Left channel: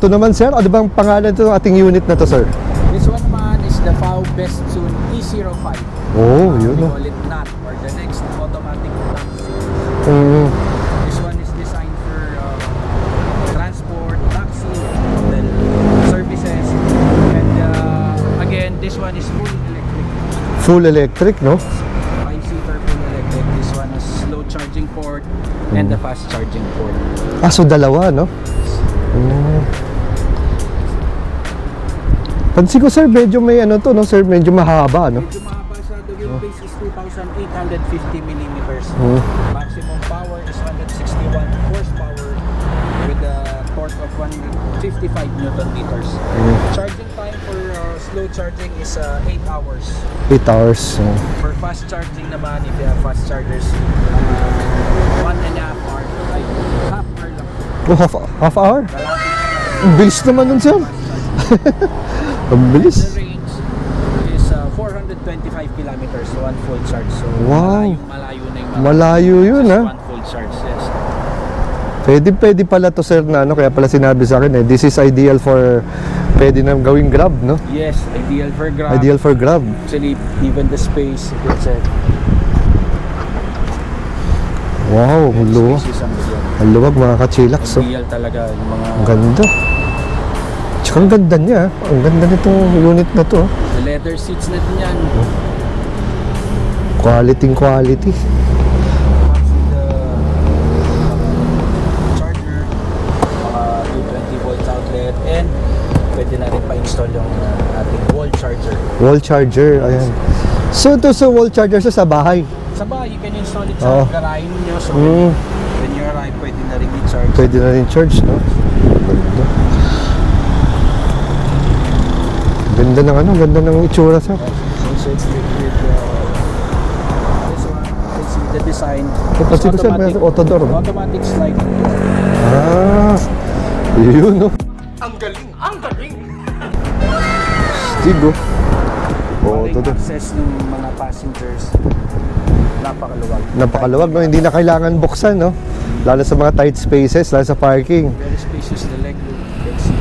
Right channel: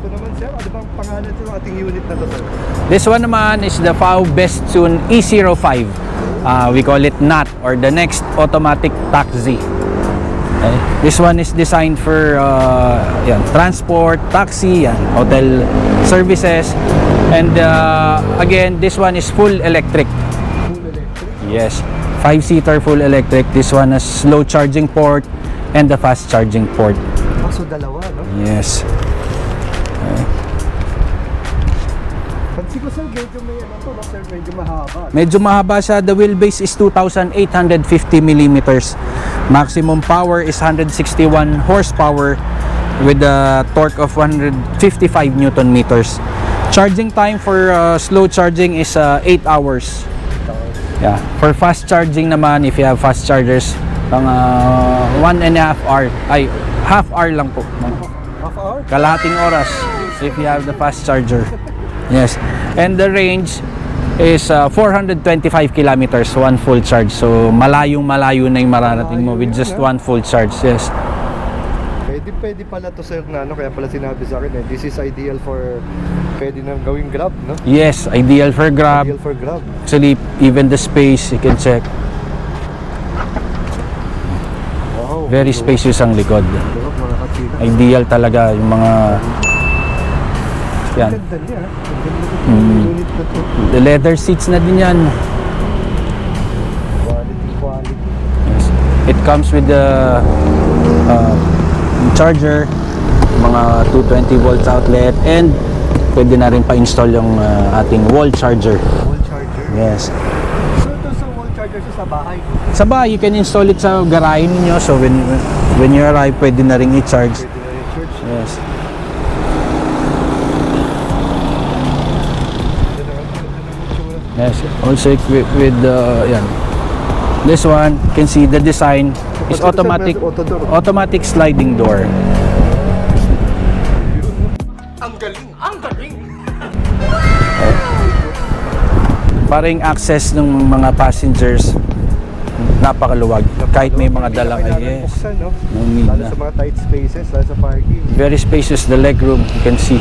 ito naman sir, ano bang pangalan ito ng ating unit na to sir? This one naman is the FAW Bestune E05. We call it NAT, or the Next Automatic Taxi. Okay. This one is designed for transport, taxi, hotel services, and again, this one is full electric. Full electric, no? Yes, 5-seater full electric. This one has slow charging port and the fast charging port. So dalawa, no? Yes. Pansin ko sir, medyo may ano to, no sir, medyo mahaba, no? Medyo mahaba siya. The wheelbase is 2,850 millimeters. Maximum power is 161 horsepower with a torque of 155 Newton meters. Charging time for slow charging is 8 hours. 8 hours. Yeah. For fast charging naman, if you have fast chargers, 1.5 hour. Ay, half hour lang po. Oh, half hour? Kalahating oras. Bilis if naman you have yun, sir. a fast charger. Yes. Bilis. And the range is 425 kilometers, one full charge. So, malayong-malayo na yung mararating Malayo mo with yun, just ha? one full charge. Yes. Pwede pala to sir na ano, kaya pala sinabi sa akin this is ideal for, pwede nang gawing Grab, no? Yes, ideal for Grab. Ideal for Grab. Actually, even the space, you can check. Wow. Very spacious ang likod. Ang luwag, mga kachilax. Ideal talaga yung mga... Ganda. Tsaka ang ganda niya. Ang ganda nito unit na to. The leather seats na din yan. Quality. It comes with the charger, mga 220 volts outlet, and pwede na rin pa-install yung ating wall charger. Wall charger. Yes. So ito sa wall charger sa bahay. Sa bahay, you can install it sa garahe ninyo. So when you arrive, pwede na rin i-charge. Pwede na rin charge. Yes. Ganda ng itsura sa. Yes. Also equipped with this one, you can see the design is automatic, automatic sliding door. Yun, no? Ang galing! Tigo. Paring access ng mga passengers, napakaluwag. Napakaluwag, no? Hindi na dala. kailangan buksan, no? Lalo sa mga tight spaces, lalo sa parking. Very spacious, the legroom, you can see.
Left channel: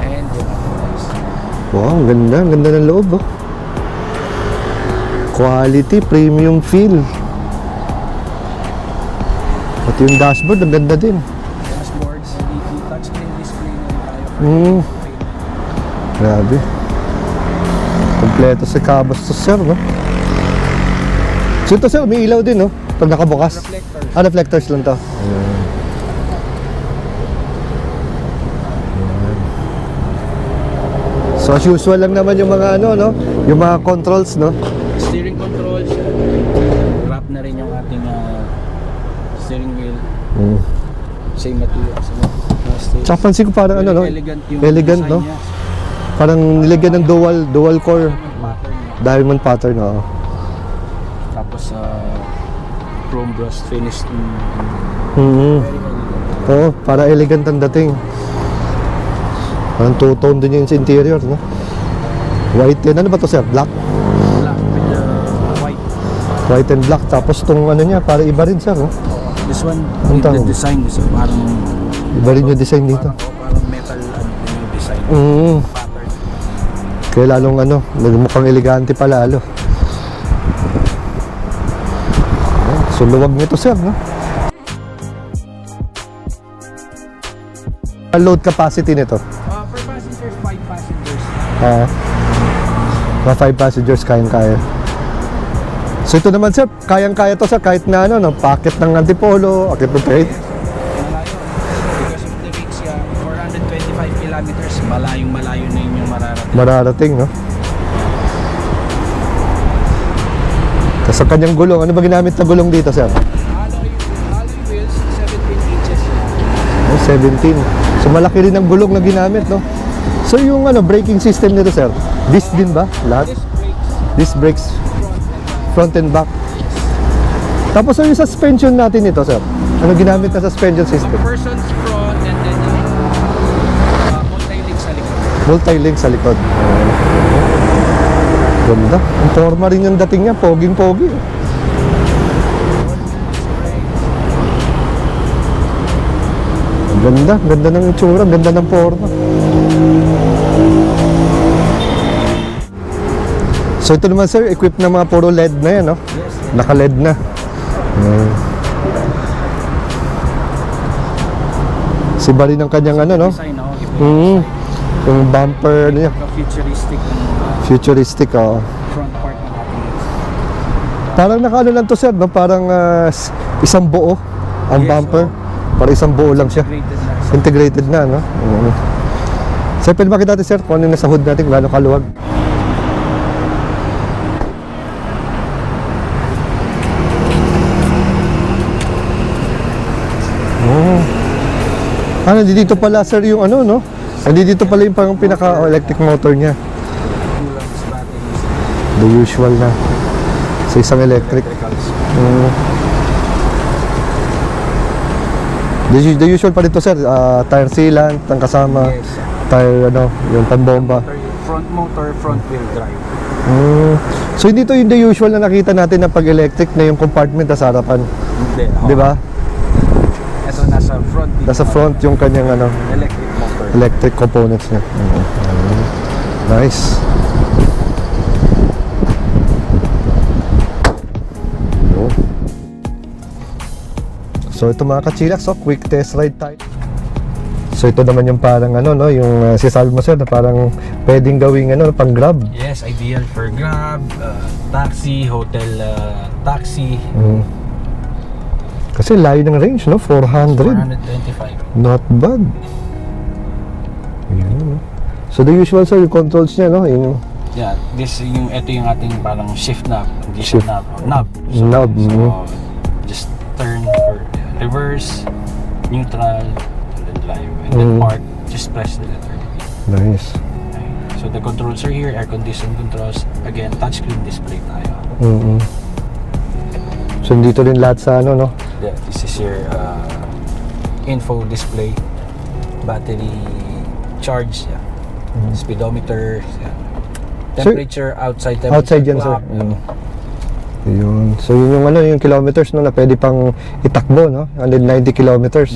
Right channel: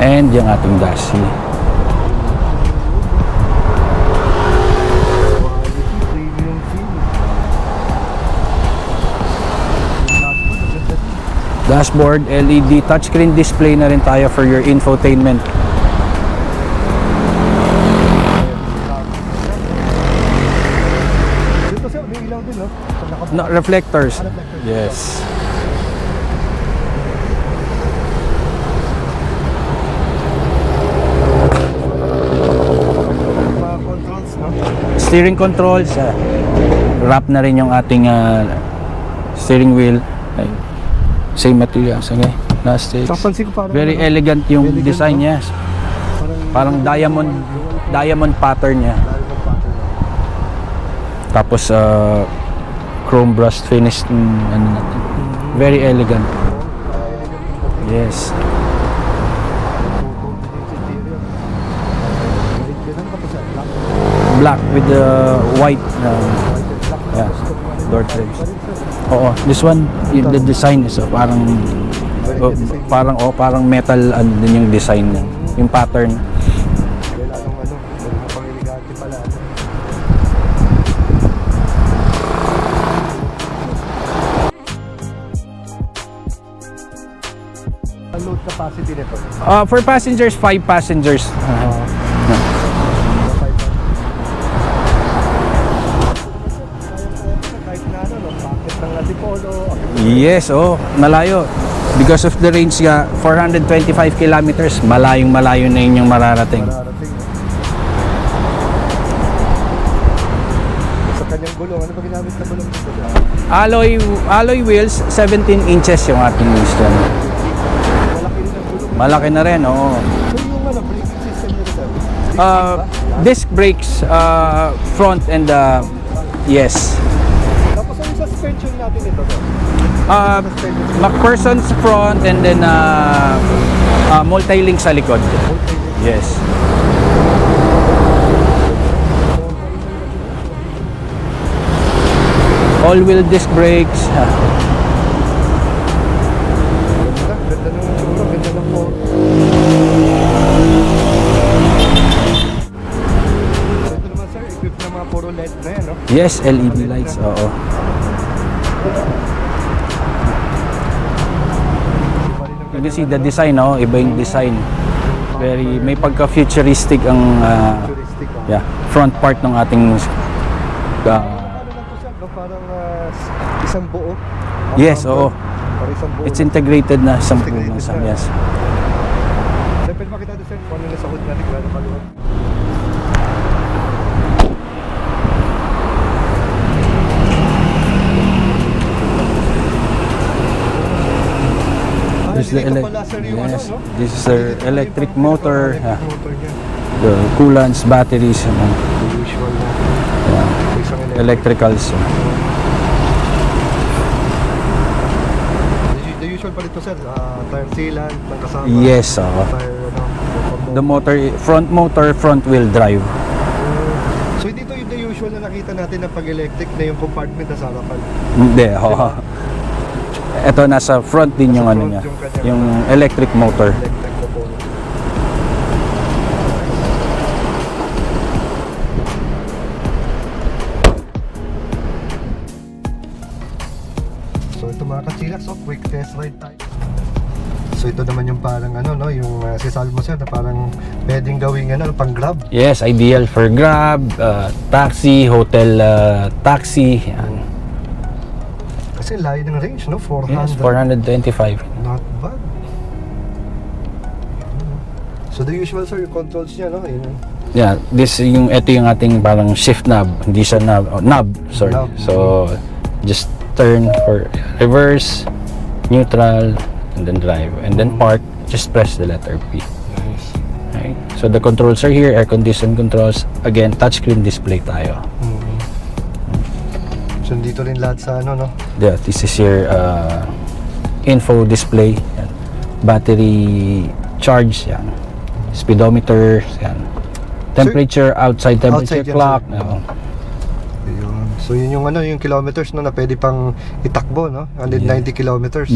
And yung ating dashboard. Wow, ganda ng loob, oh. Quality, premium feel. At yung dashboard, ang ganda din. Dashboard, LED, touchscreen display na rin tayo for your infotainment. Grabe. Kompleto sa cabos to sir, no? So ito sir, may ilaw din, no? Pag nakabukas. Reflectors. Reflectors din to. So as usual lang naman yung mga ano, no? Yung mga controls, no? Steering controls. Wrap na rin yung ating steering wheel. Same materials. Okay. Tsaka pansin ko parang Very ano, no? elegant yung Elegant, design no? niya. Parang nilagyan ng dual core. Diamond pattern niya. Diamond pattern, oh. Tapos chrome brushed finish. Very elegant. Oo, para elegant ang dating. Yes. Parang two-tone din yung interior, no? White yan. Ano ba to sir? Black? Black with white. White and black. Tapos itong ano niya, para iba rin sir, no? Oo. This one, the design is parang Iba rin yung design nito. parang metal ano din yung design. Yung pattern. Kaya lalong ano, mukhang elegante pa lalo. So luwag nito sir, no? Ang load capacity nito? For passengers, 5 passengers. Mga 5 passengers kaya. So ito naman sir, kayang-kaya to sir kahit na ano, no? Packet ng Antipolo, okay po. Yes, malayo. Because of the range nga, 425 kilometers, malayong-malayo na yun yung mararating. Mararating, no? Sa kanyang gulong, ano ba ginamit na gulong dito sir? Alloy wheels, 17 inches yung ating install. 17. So malaki rin ang gulong na Malaki ginamit. na rin, no? oo. So yung ano, braking system nito sir, disc din ba? Lahat? Disc brakes, Disc brakes. front and Front and back. yes. Tapos yung suspension natin ito sir, ano ginamit na suspension system? McPherson's front and then multi-link sa likod. Multi-link sa Yes. likod. Ganda. Ang forma rin yung dating niya, poging-pogi. All-wheel disc brakes. Ganda ng itsura, ganda ng forma. So ito naman sir, equipped na mga puro LED na yan, no? Yes, LED Naka-LED na. lights, oo. Si bali ng kanyang See ano, the no? design, no? Iba yung design. Yung bumper May niya. pagka-futuristic ang Futuristic, oh. yeah, front part ng ating Parang nakaano lang to sir, no? Parang isang buo. Ang Yes, bumper. oo. Parang isang buo it's lang siya. integrated na. Integrated na, no? Yes. Sir, pwede makita natin sir kung ano yung nasa hood natin, gano'ng kaluwag. Dito pala sir yung ano, no? This is Dito pala yung electric pinaka-electric motor niya. Coolants, batteries, The usual na. Sa isang electric. electricals. The usual pa dito sir, tire sealant, ang kasama. Yes, Tire, ano, yung the pambomba. motor, front wheel drive. So hindi to yung the usual na nakita natin na pag-electric na yung compartment sa harapan. Hindi, Di ba? Ito nasa front din Nasa yung front niya. yung kanyang ano, electric motor. electric components niya. Nice. So ito mga kachilax, so quick test ride time. So ito naman yung parang ano, no, yung si Salmo sir na parang pwedeng gawing ano, pang grab. Yes, ideal for Grab, taxi, hotel taxi. Kasi layo ng range, no? 400. 425. Not bad. Yun. So the usual sir, yung controls niya, no? Yung Yeah, ito yung ating parang shift knob, hindi siya knob. Sorry. Knob, So just turn for reverse, neutral, and then drive, and then park. Just press the letter P. nice. Okay. So the controls are here, air condition controls. Again, touchscreen display tayo. So dito rin lahat sa ano, no? Yeah, this is your info display, yan. Battery charge, yan. Speedometer, yan. Temperature, outside temperature outside yan, clock. sir. Yun. So yun yung ano, yung kilometers, no, na pwede pang itakbo, no? 190 kilometers.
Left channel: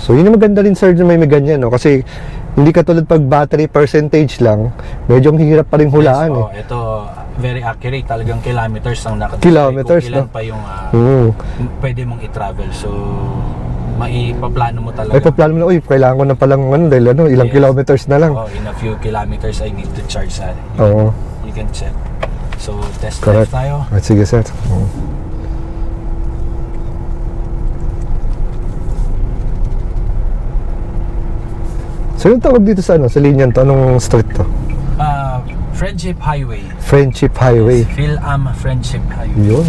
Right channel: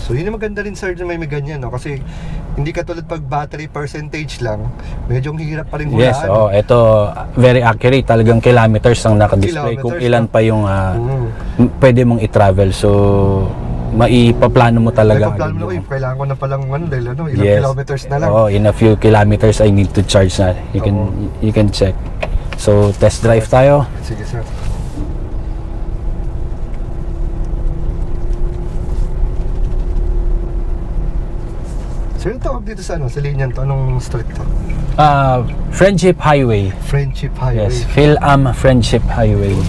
So yun yung maganda rin sir na may ganyan, no? Kasi hindi katulad pag battery percentage lang, medyo hirap pa rin Yes, hulaan. ito very accurate. Talagang kilometers ang nakadisplay. Kung Kilometers, ilan no? pa yung pwede mong i-travel. So, maipaplano mo talaga. May paplano mo na, uy, kailangan ko na palang ano, dahil ano, ilang Yes. kilometers na lang. Oh, in a few kilometers, I need to charge na. You can check. So, test drive tayo. At sige sir. So yung tawag dito sa ano, sa linyan to, anong street to? Friendship Highway. Friendship Highway. Yes, Phil-Am Friendship Highway. Yun.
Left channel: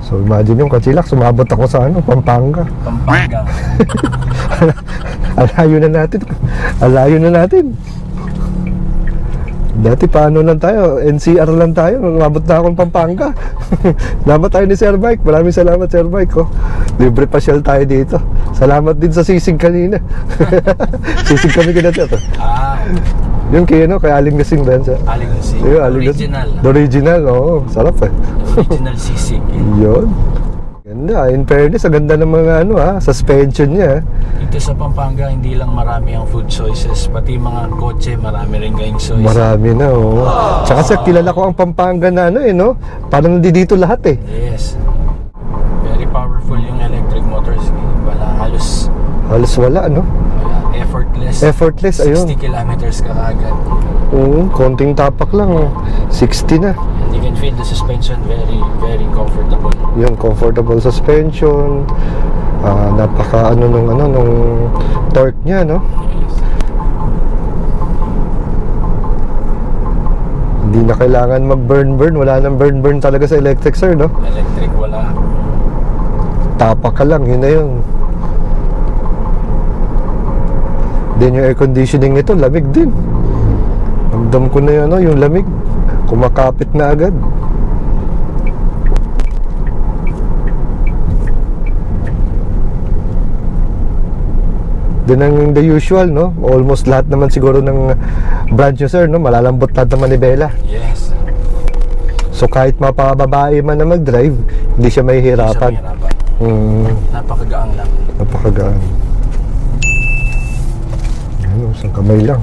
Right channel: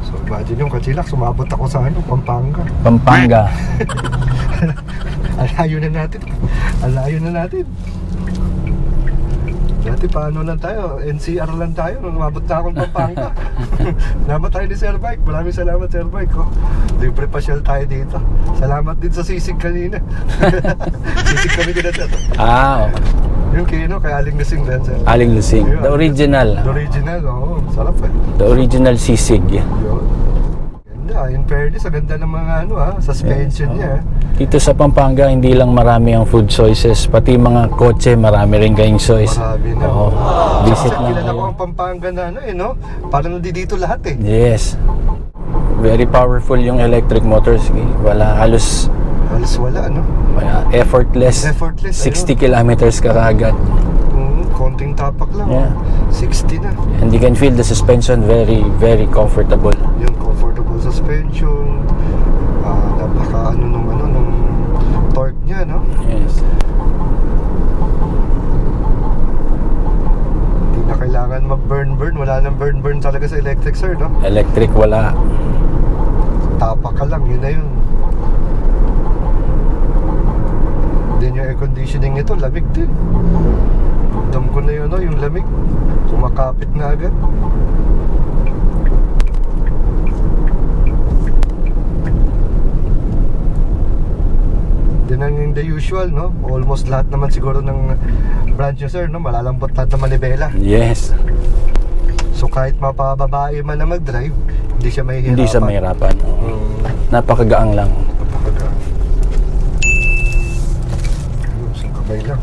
So imagine yung kachilak, sumabot ako sa ano, Pampanga. Pampanga. Alayo na natin. Alayo na natin. Dati paano lang tayo, NCR lang tayo, umabot na akong Pampanga. Salamat tayo ni Sir Mike, maraming salamat Sir Mike. Oh. Libre pasyal tayo dito. Salamat din sa sisig kanina. Sisig kami kina sir. Yun kaya no, kaya Aling Lasing ba yan sir? Aling Lusing. Yun, The Aling original. Lasing. The original, oo. Sarap eh. The original sisig. Yun. Ganda, in fairness, ang ganda ng mga ano suspension niya. Dito sa Pampanga, hindi lang marami ang food choices, pati mga kotse, marami rin kayong choice. Marami na, oo. Tsaka sir, kilala ko ang Pampanga na ano no? Parang dito lahat eh. Yes. Very powerful yung electric motors. Wala halos Halos wala, no? effortless. Effortless, 60 kilometers ka kaagad. Konting tapak lang, Yeah. 60 na. And you can feel the suspension very, very comfortable. Yun, comfortable suspension. Napaka nung torque niya, no? Yes. Hindi na kailangan mag-burn. Wala nang burn talaga sa electric, sir, no? Electric, wala. Tapak ka lang, yun na yun. Then yung air conditioning nito, lamig din. Ramdam ko na yun, no? Yung lamig. Kumakapit na agad. Then ang the usual, no? Almost lahat naman siguro ng branch nyo, sir, no? Malalambot lahat ng manibela. Yes. So kahit mapababae man na mag-drive, hindi siya mahihirapan. Hindi siya mahirapan. Napakagaang lang. Napakagaan. Ano, isang kamay lang.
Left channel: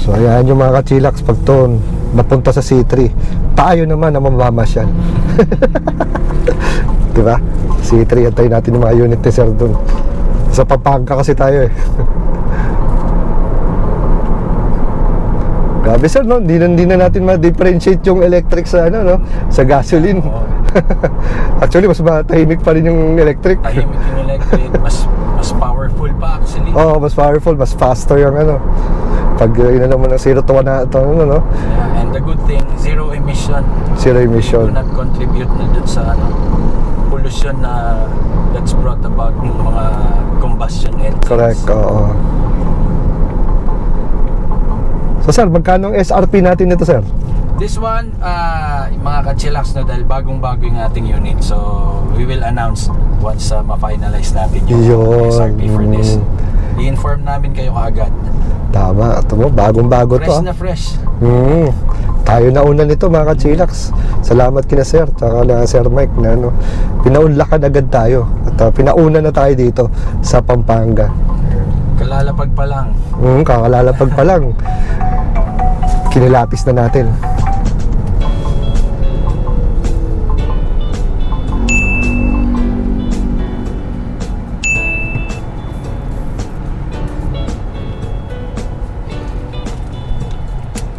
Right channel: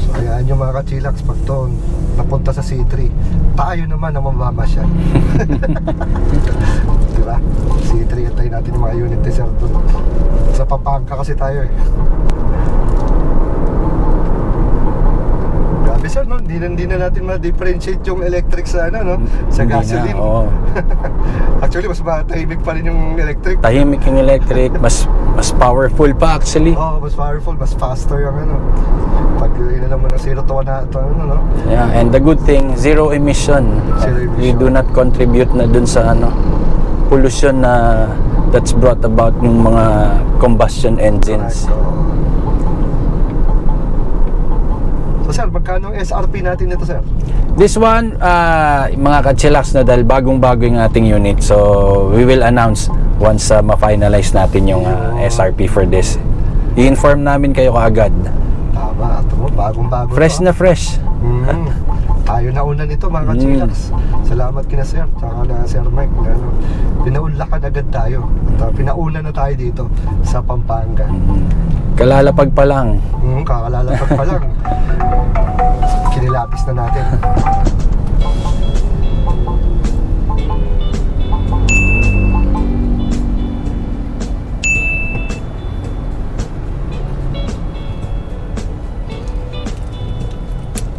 So ayan yung mga kachilax, pag to napunta sa C3, tayo naman na mamamasyal. Diba? C3, antayin natin yung mga unit ni sir dun. Sa Pampanga kasi tayo eh. Grabe sir, no? Hindi na natin ma-differentiate yung electric sa ano, no? Sa gasoline. Oo. Actually, mas tahimik pa rin yung electric. Tahimik yung electric, mas powerful pa actually. Oo, mas powerful, mas faster yung ano. Pag inalam mo ng 0 to 1 na ito, ano, no? Yeah, and the good thing, zero emission. Zero emission. We do not contribute na dun sa ano, pollution na that's brought about ng mga combustion engines. Correct, oo. So sir, magkano ang SRP natin nito sir? This one, mga kachilax na dahil bagong-bago yung ating unit. So, we will announce once ma-finalize natin yung Yun. SRP for this. I-inform namin kayo kaagad. Tama, ito mo, bagong-bago Fresh to. na fresh. Tayo na una nito mga kachilax. Salamat kina sir, tsaka na Sir Mike na ano, pinaunlakan agad tayo. At pinauna na tayo dito sa Pampanga. Kalalapag pa lang. Kakalalapag pa lang. Kinilapis na natin.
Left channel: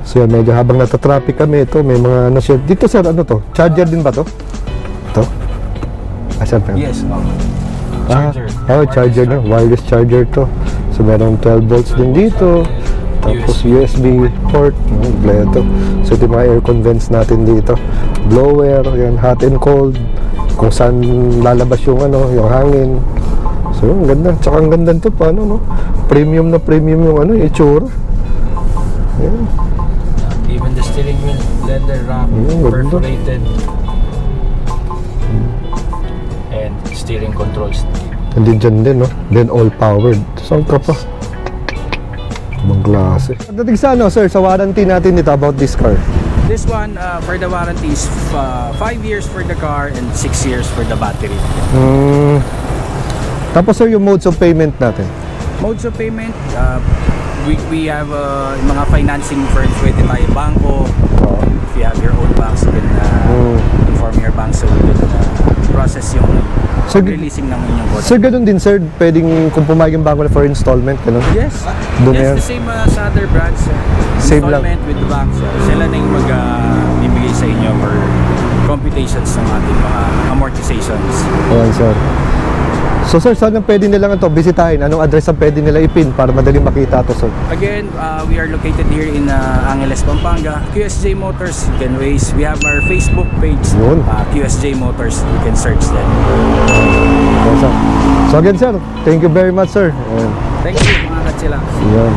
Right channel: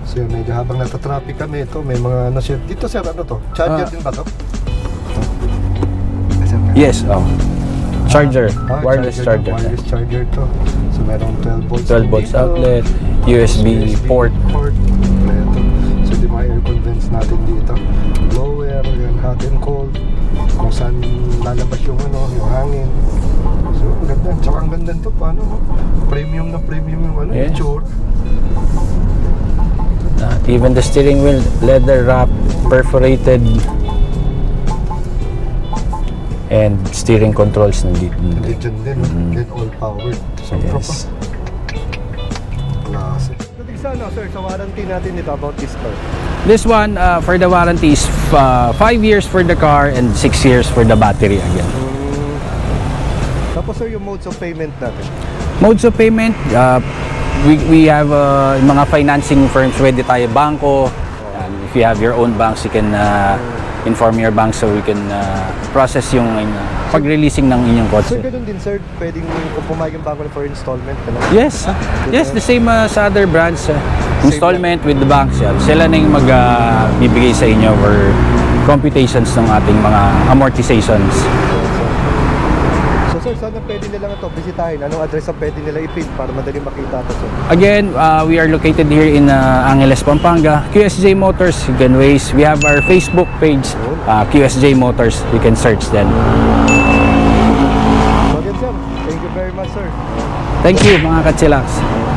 So yan, medyo habang natatraffic kami, ito may mga ano siya. Dito sir, ano to? Charger din ba to? Ito? Sir, Yes. Charger. Wireless charger. Wireless charger to. So meron 12 volts 12 din volts dito. outlet, USB port. Kompleto. So ito yung mga air convents natin dito. Blower, yan, hot and cold. Kung saan lalabas yung ano, yung hangin. So ang ganda. Tsaka ang ganda nito pa, ano, no? Premium na premium yung ano, yung itsura. Yan. Even the steering wheel, leather wrap, perforated. And steering controls nandito. Hindi dyan din, no? Then all powered. Saan ka pa? Ibang klase. Dating sa ano, sir, sa warranty natin dito about this car. This one, for the warranty is 5 years for the car and 6 years for the battery again. Tapos sir, yung modes of payment natin. Modes of payment, we have mga financing firms, pwede tayo bangko. If you have your own banks, you can inform your bank so we can process yung pag-releasing ng inyong kotse. Sir, ganun din sir, pwedeng kung pumayag yung bangko na for installment, ganun? Yes. Doon Yes, yan. the same sa other brands. Same Installment with the banks. Sila na yung magbibigay sa inyo for computations ng ating mga amortizations. Ayan, sir. So sir, saan ang pwede nilang ito bisitahin? Anong address ang pwede nila ipin para madaling makita ito sir? Again, we are located here in Angeles, Pampanga. QSJ Motors, you can waste. We have our Facebook page, Yun. QSJ Motors. You can search them. Ayan, sir. So again sir, thank you very much sir. Thank you mga kachilax. Ayan.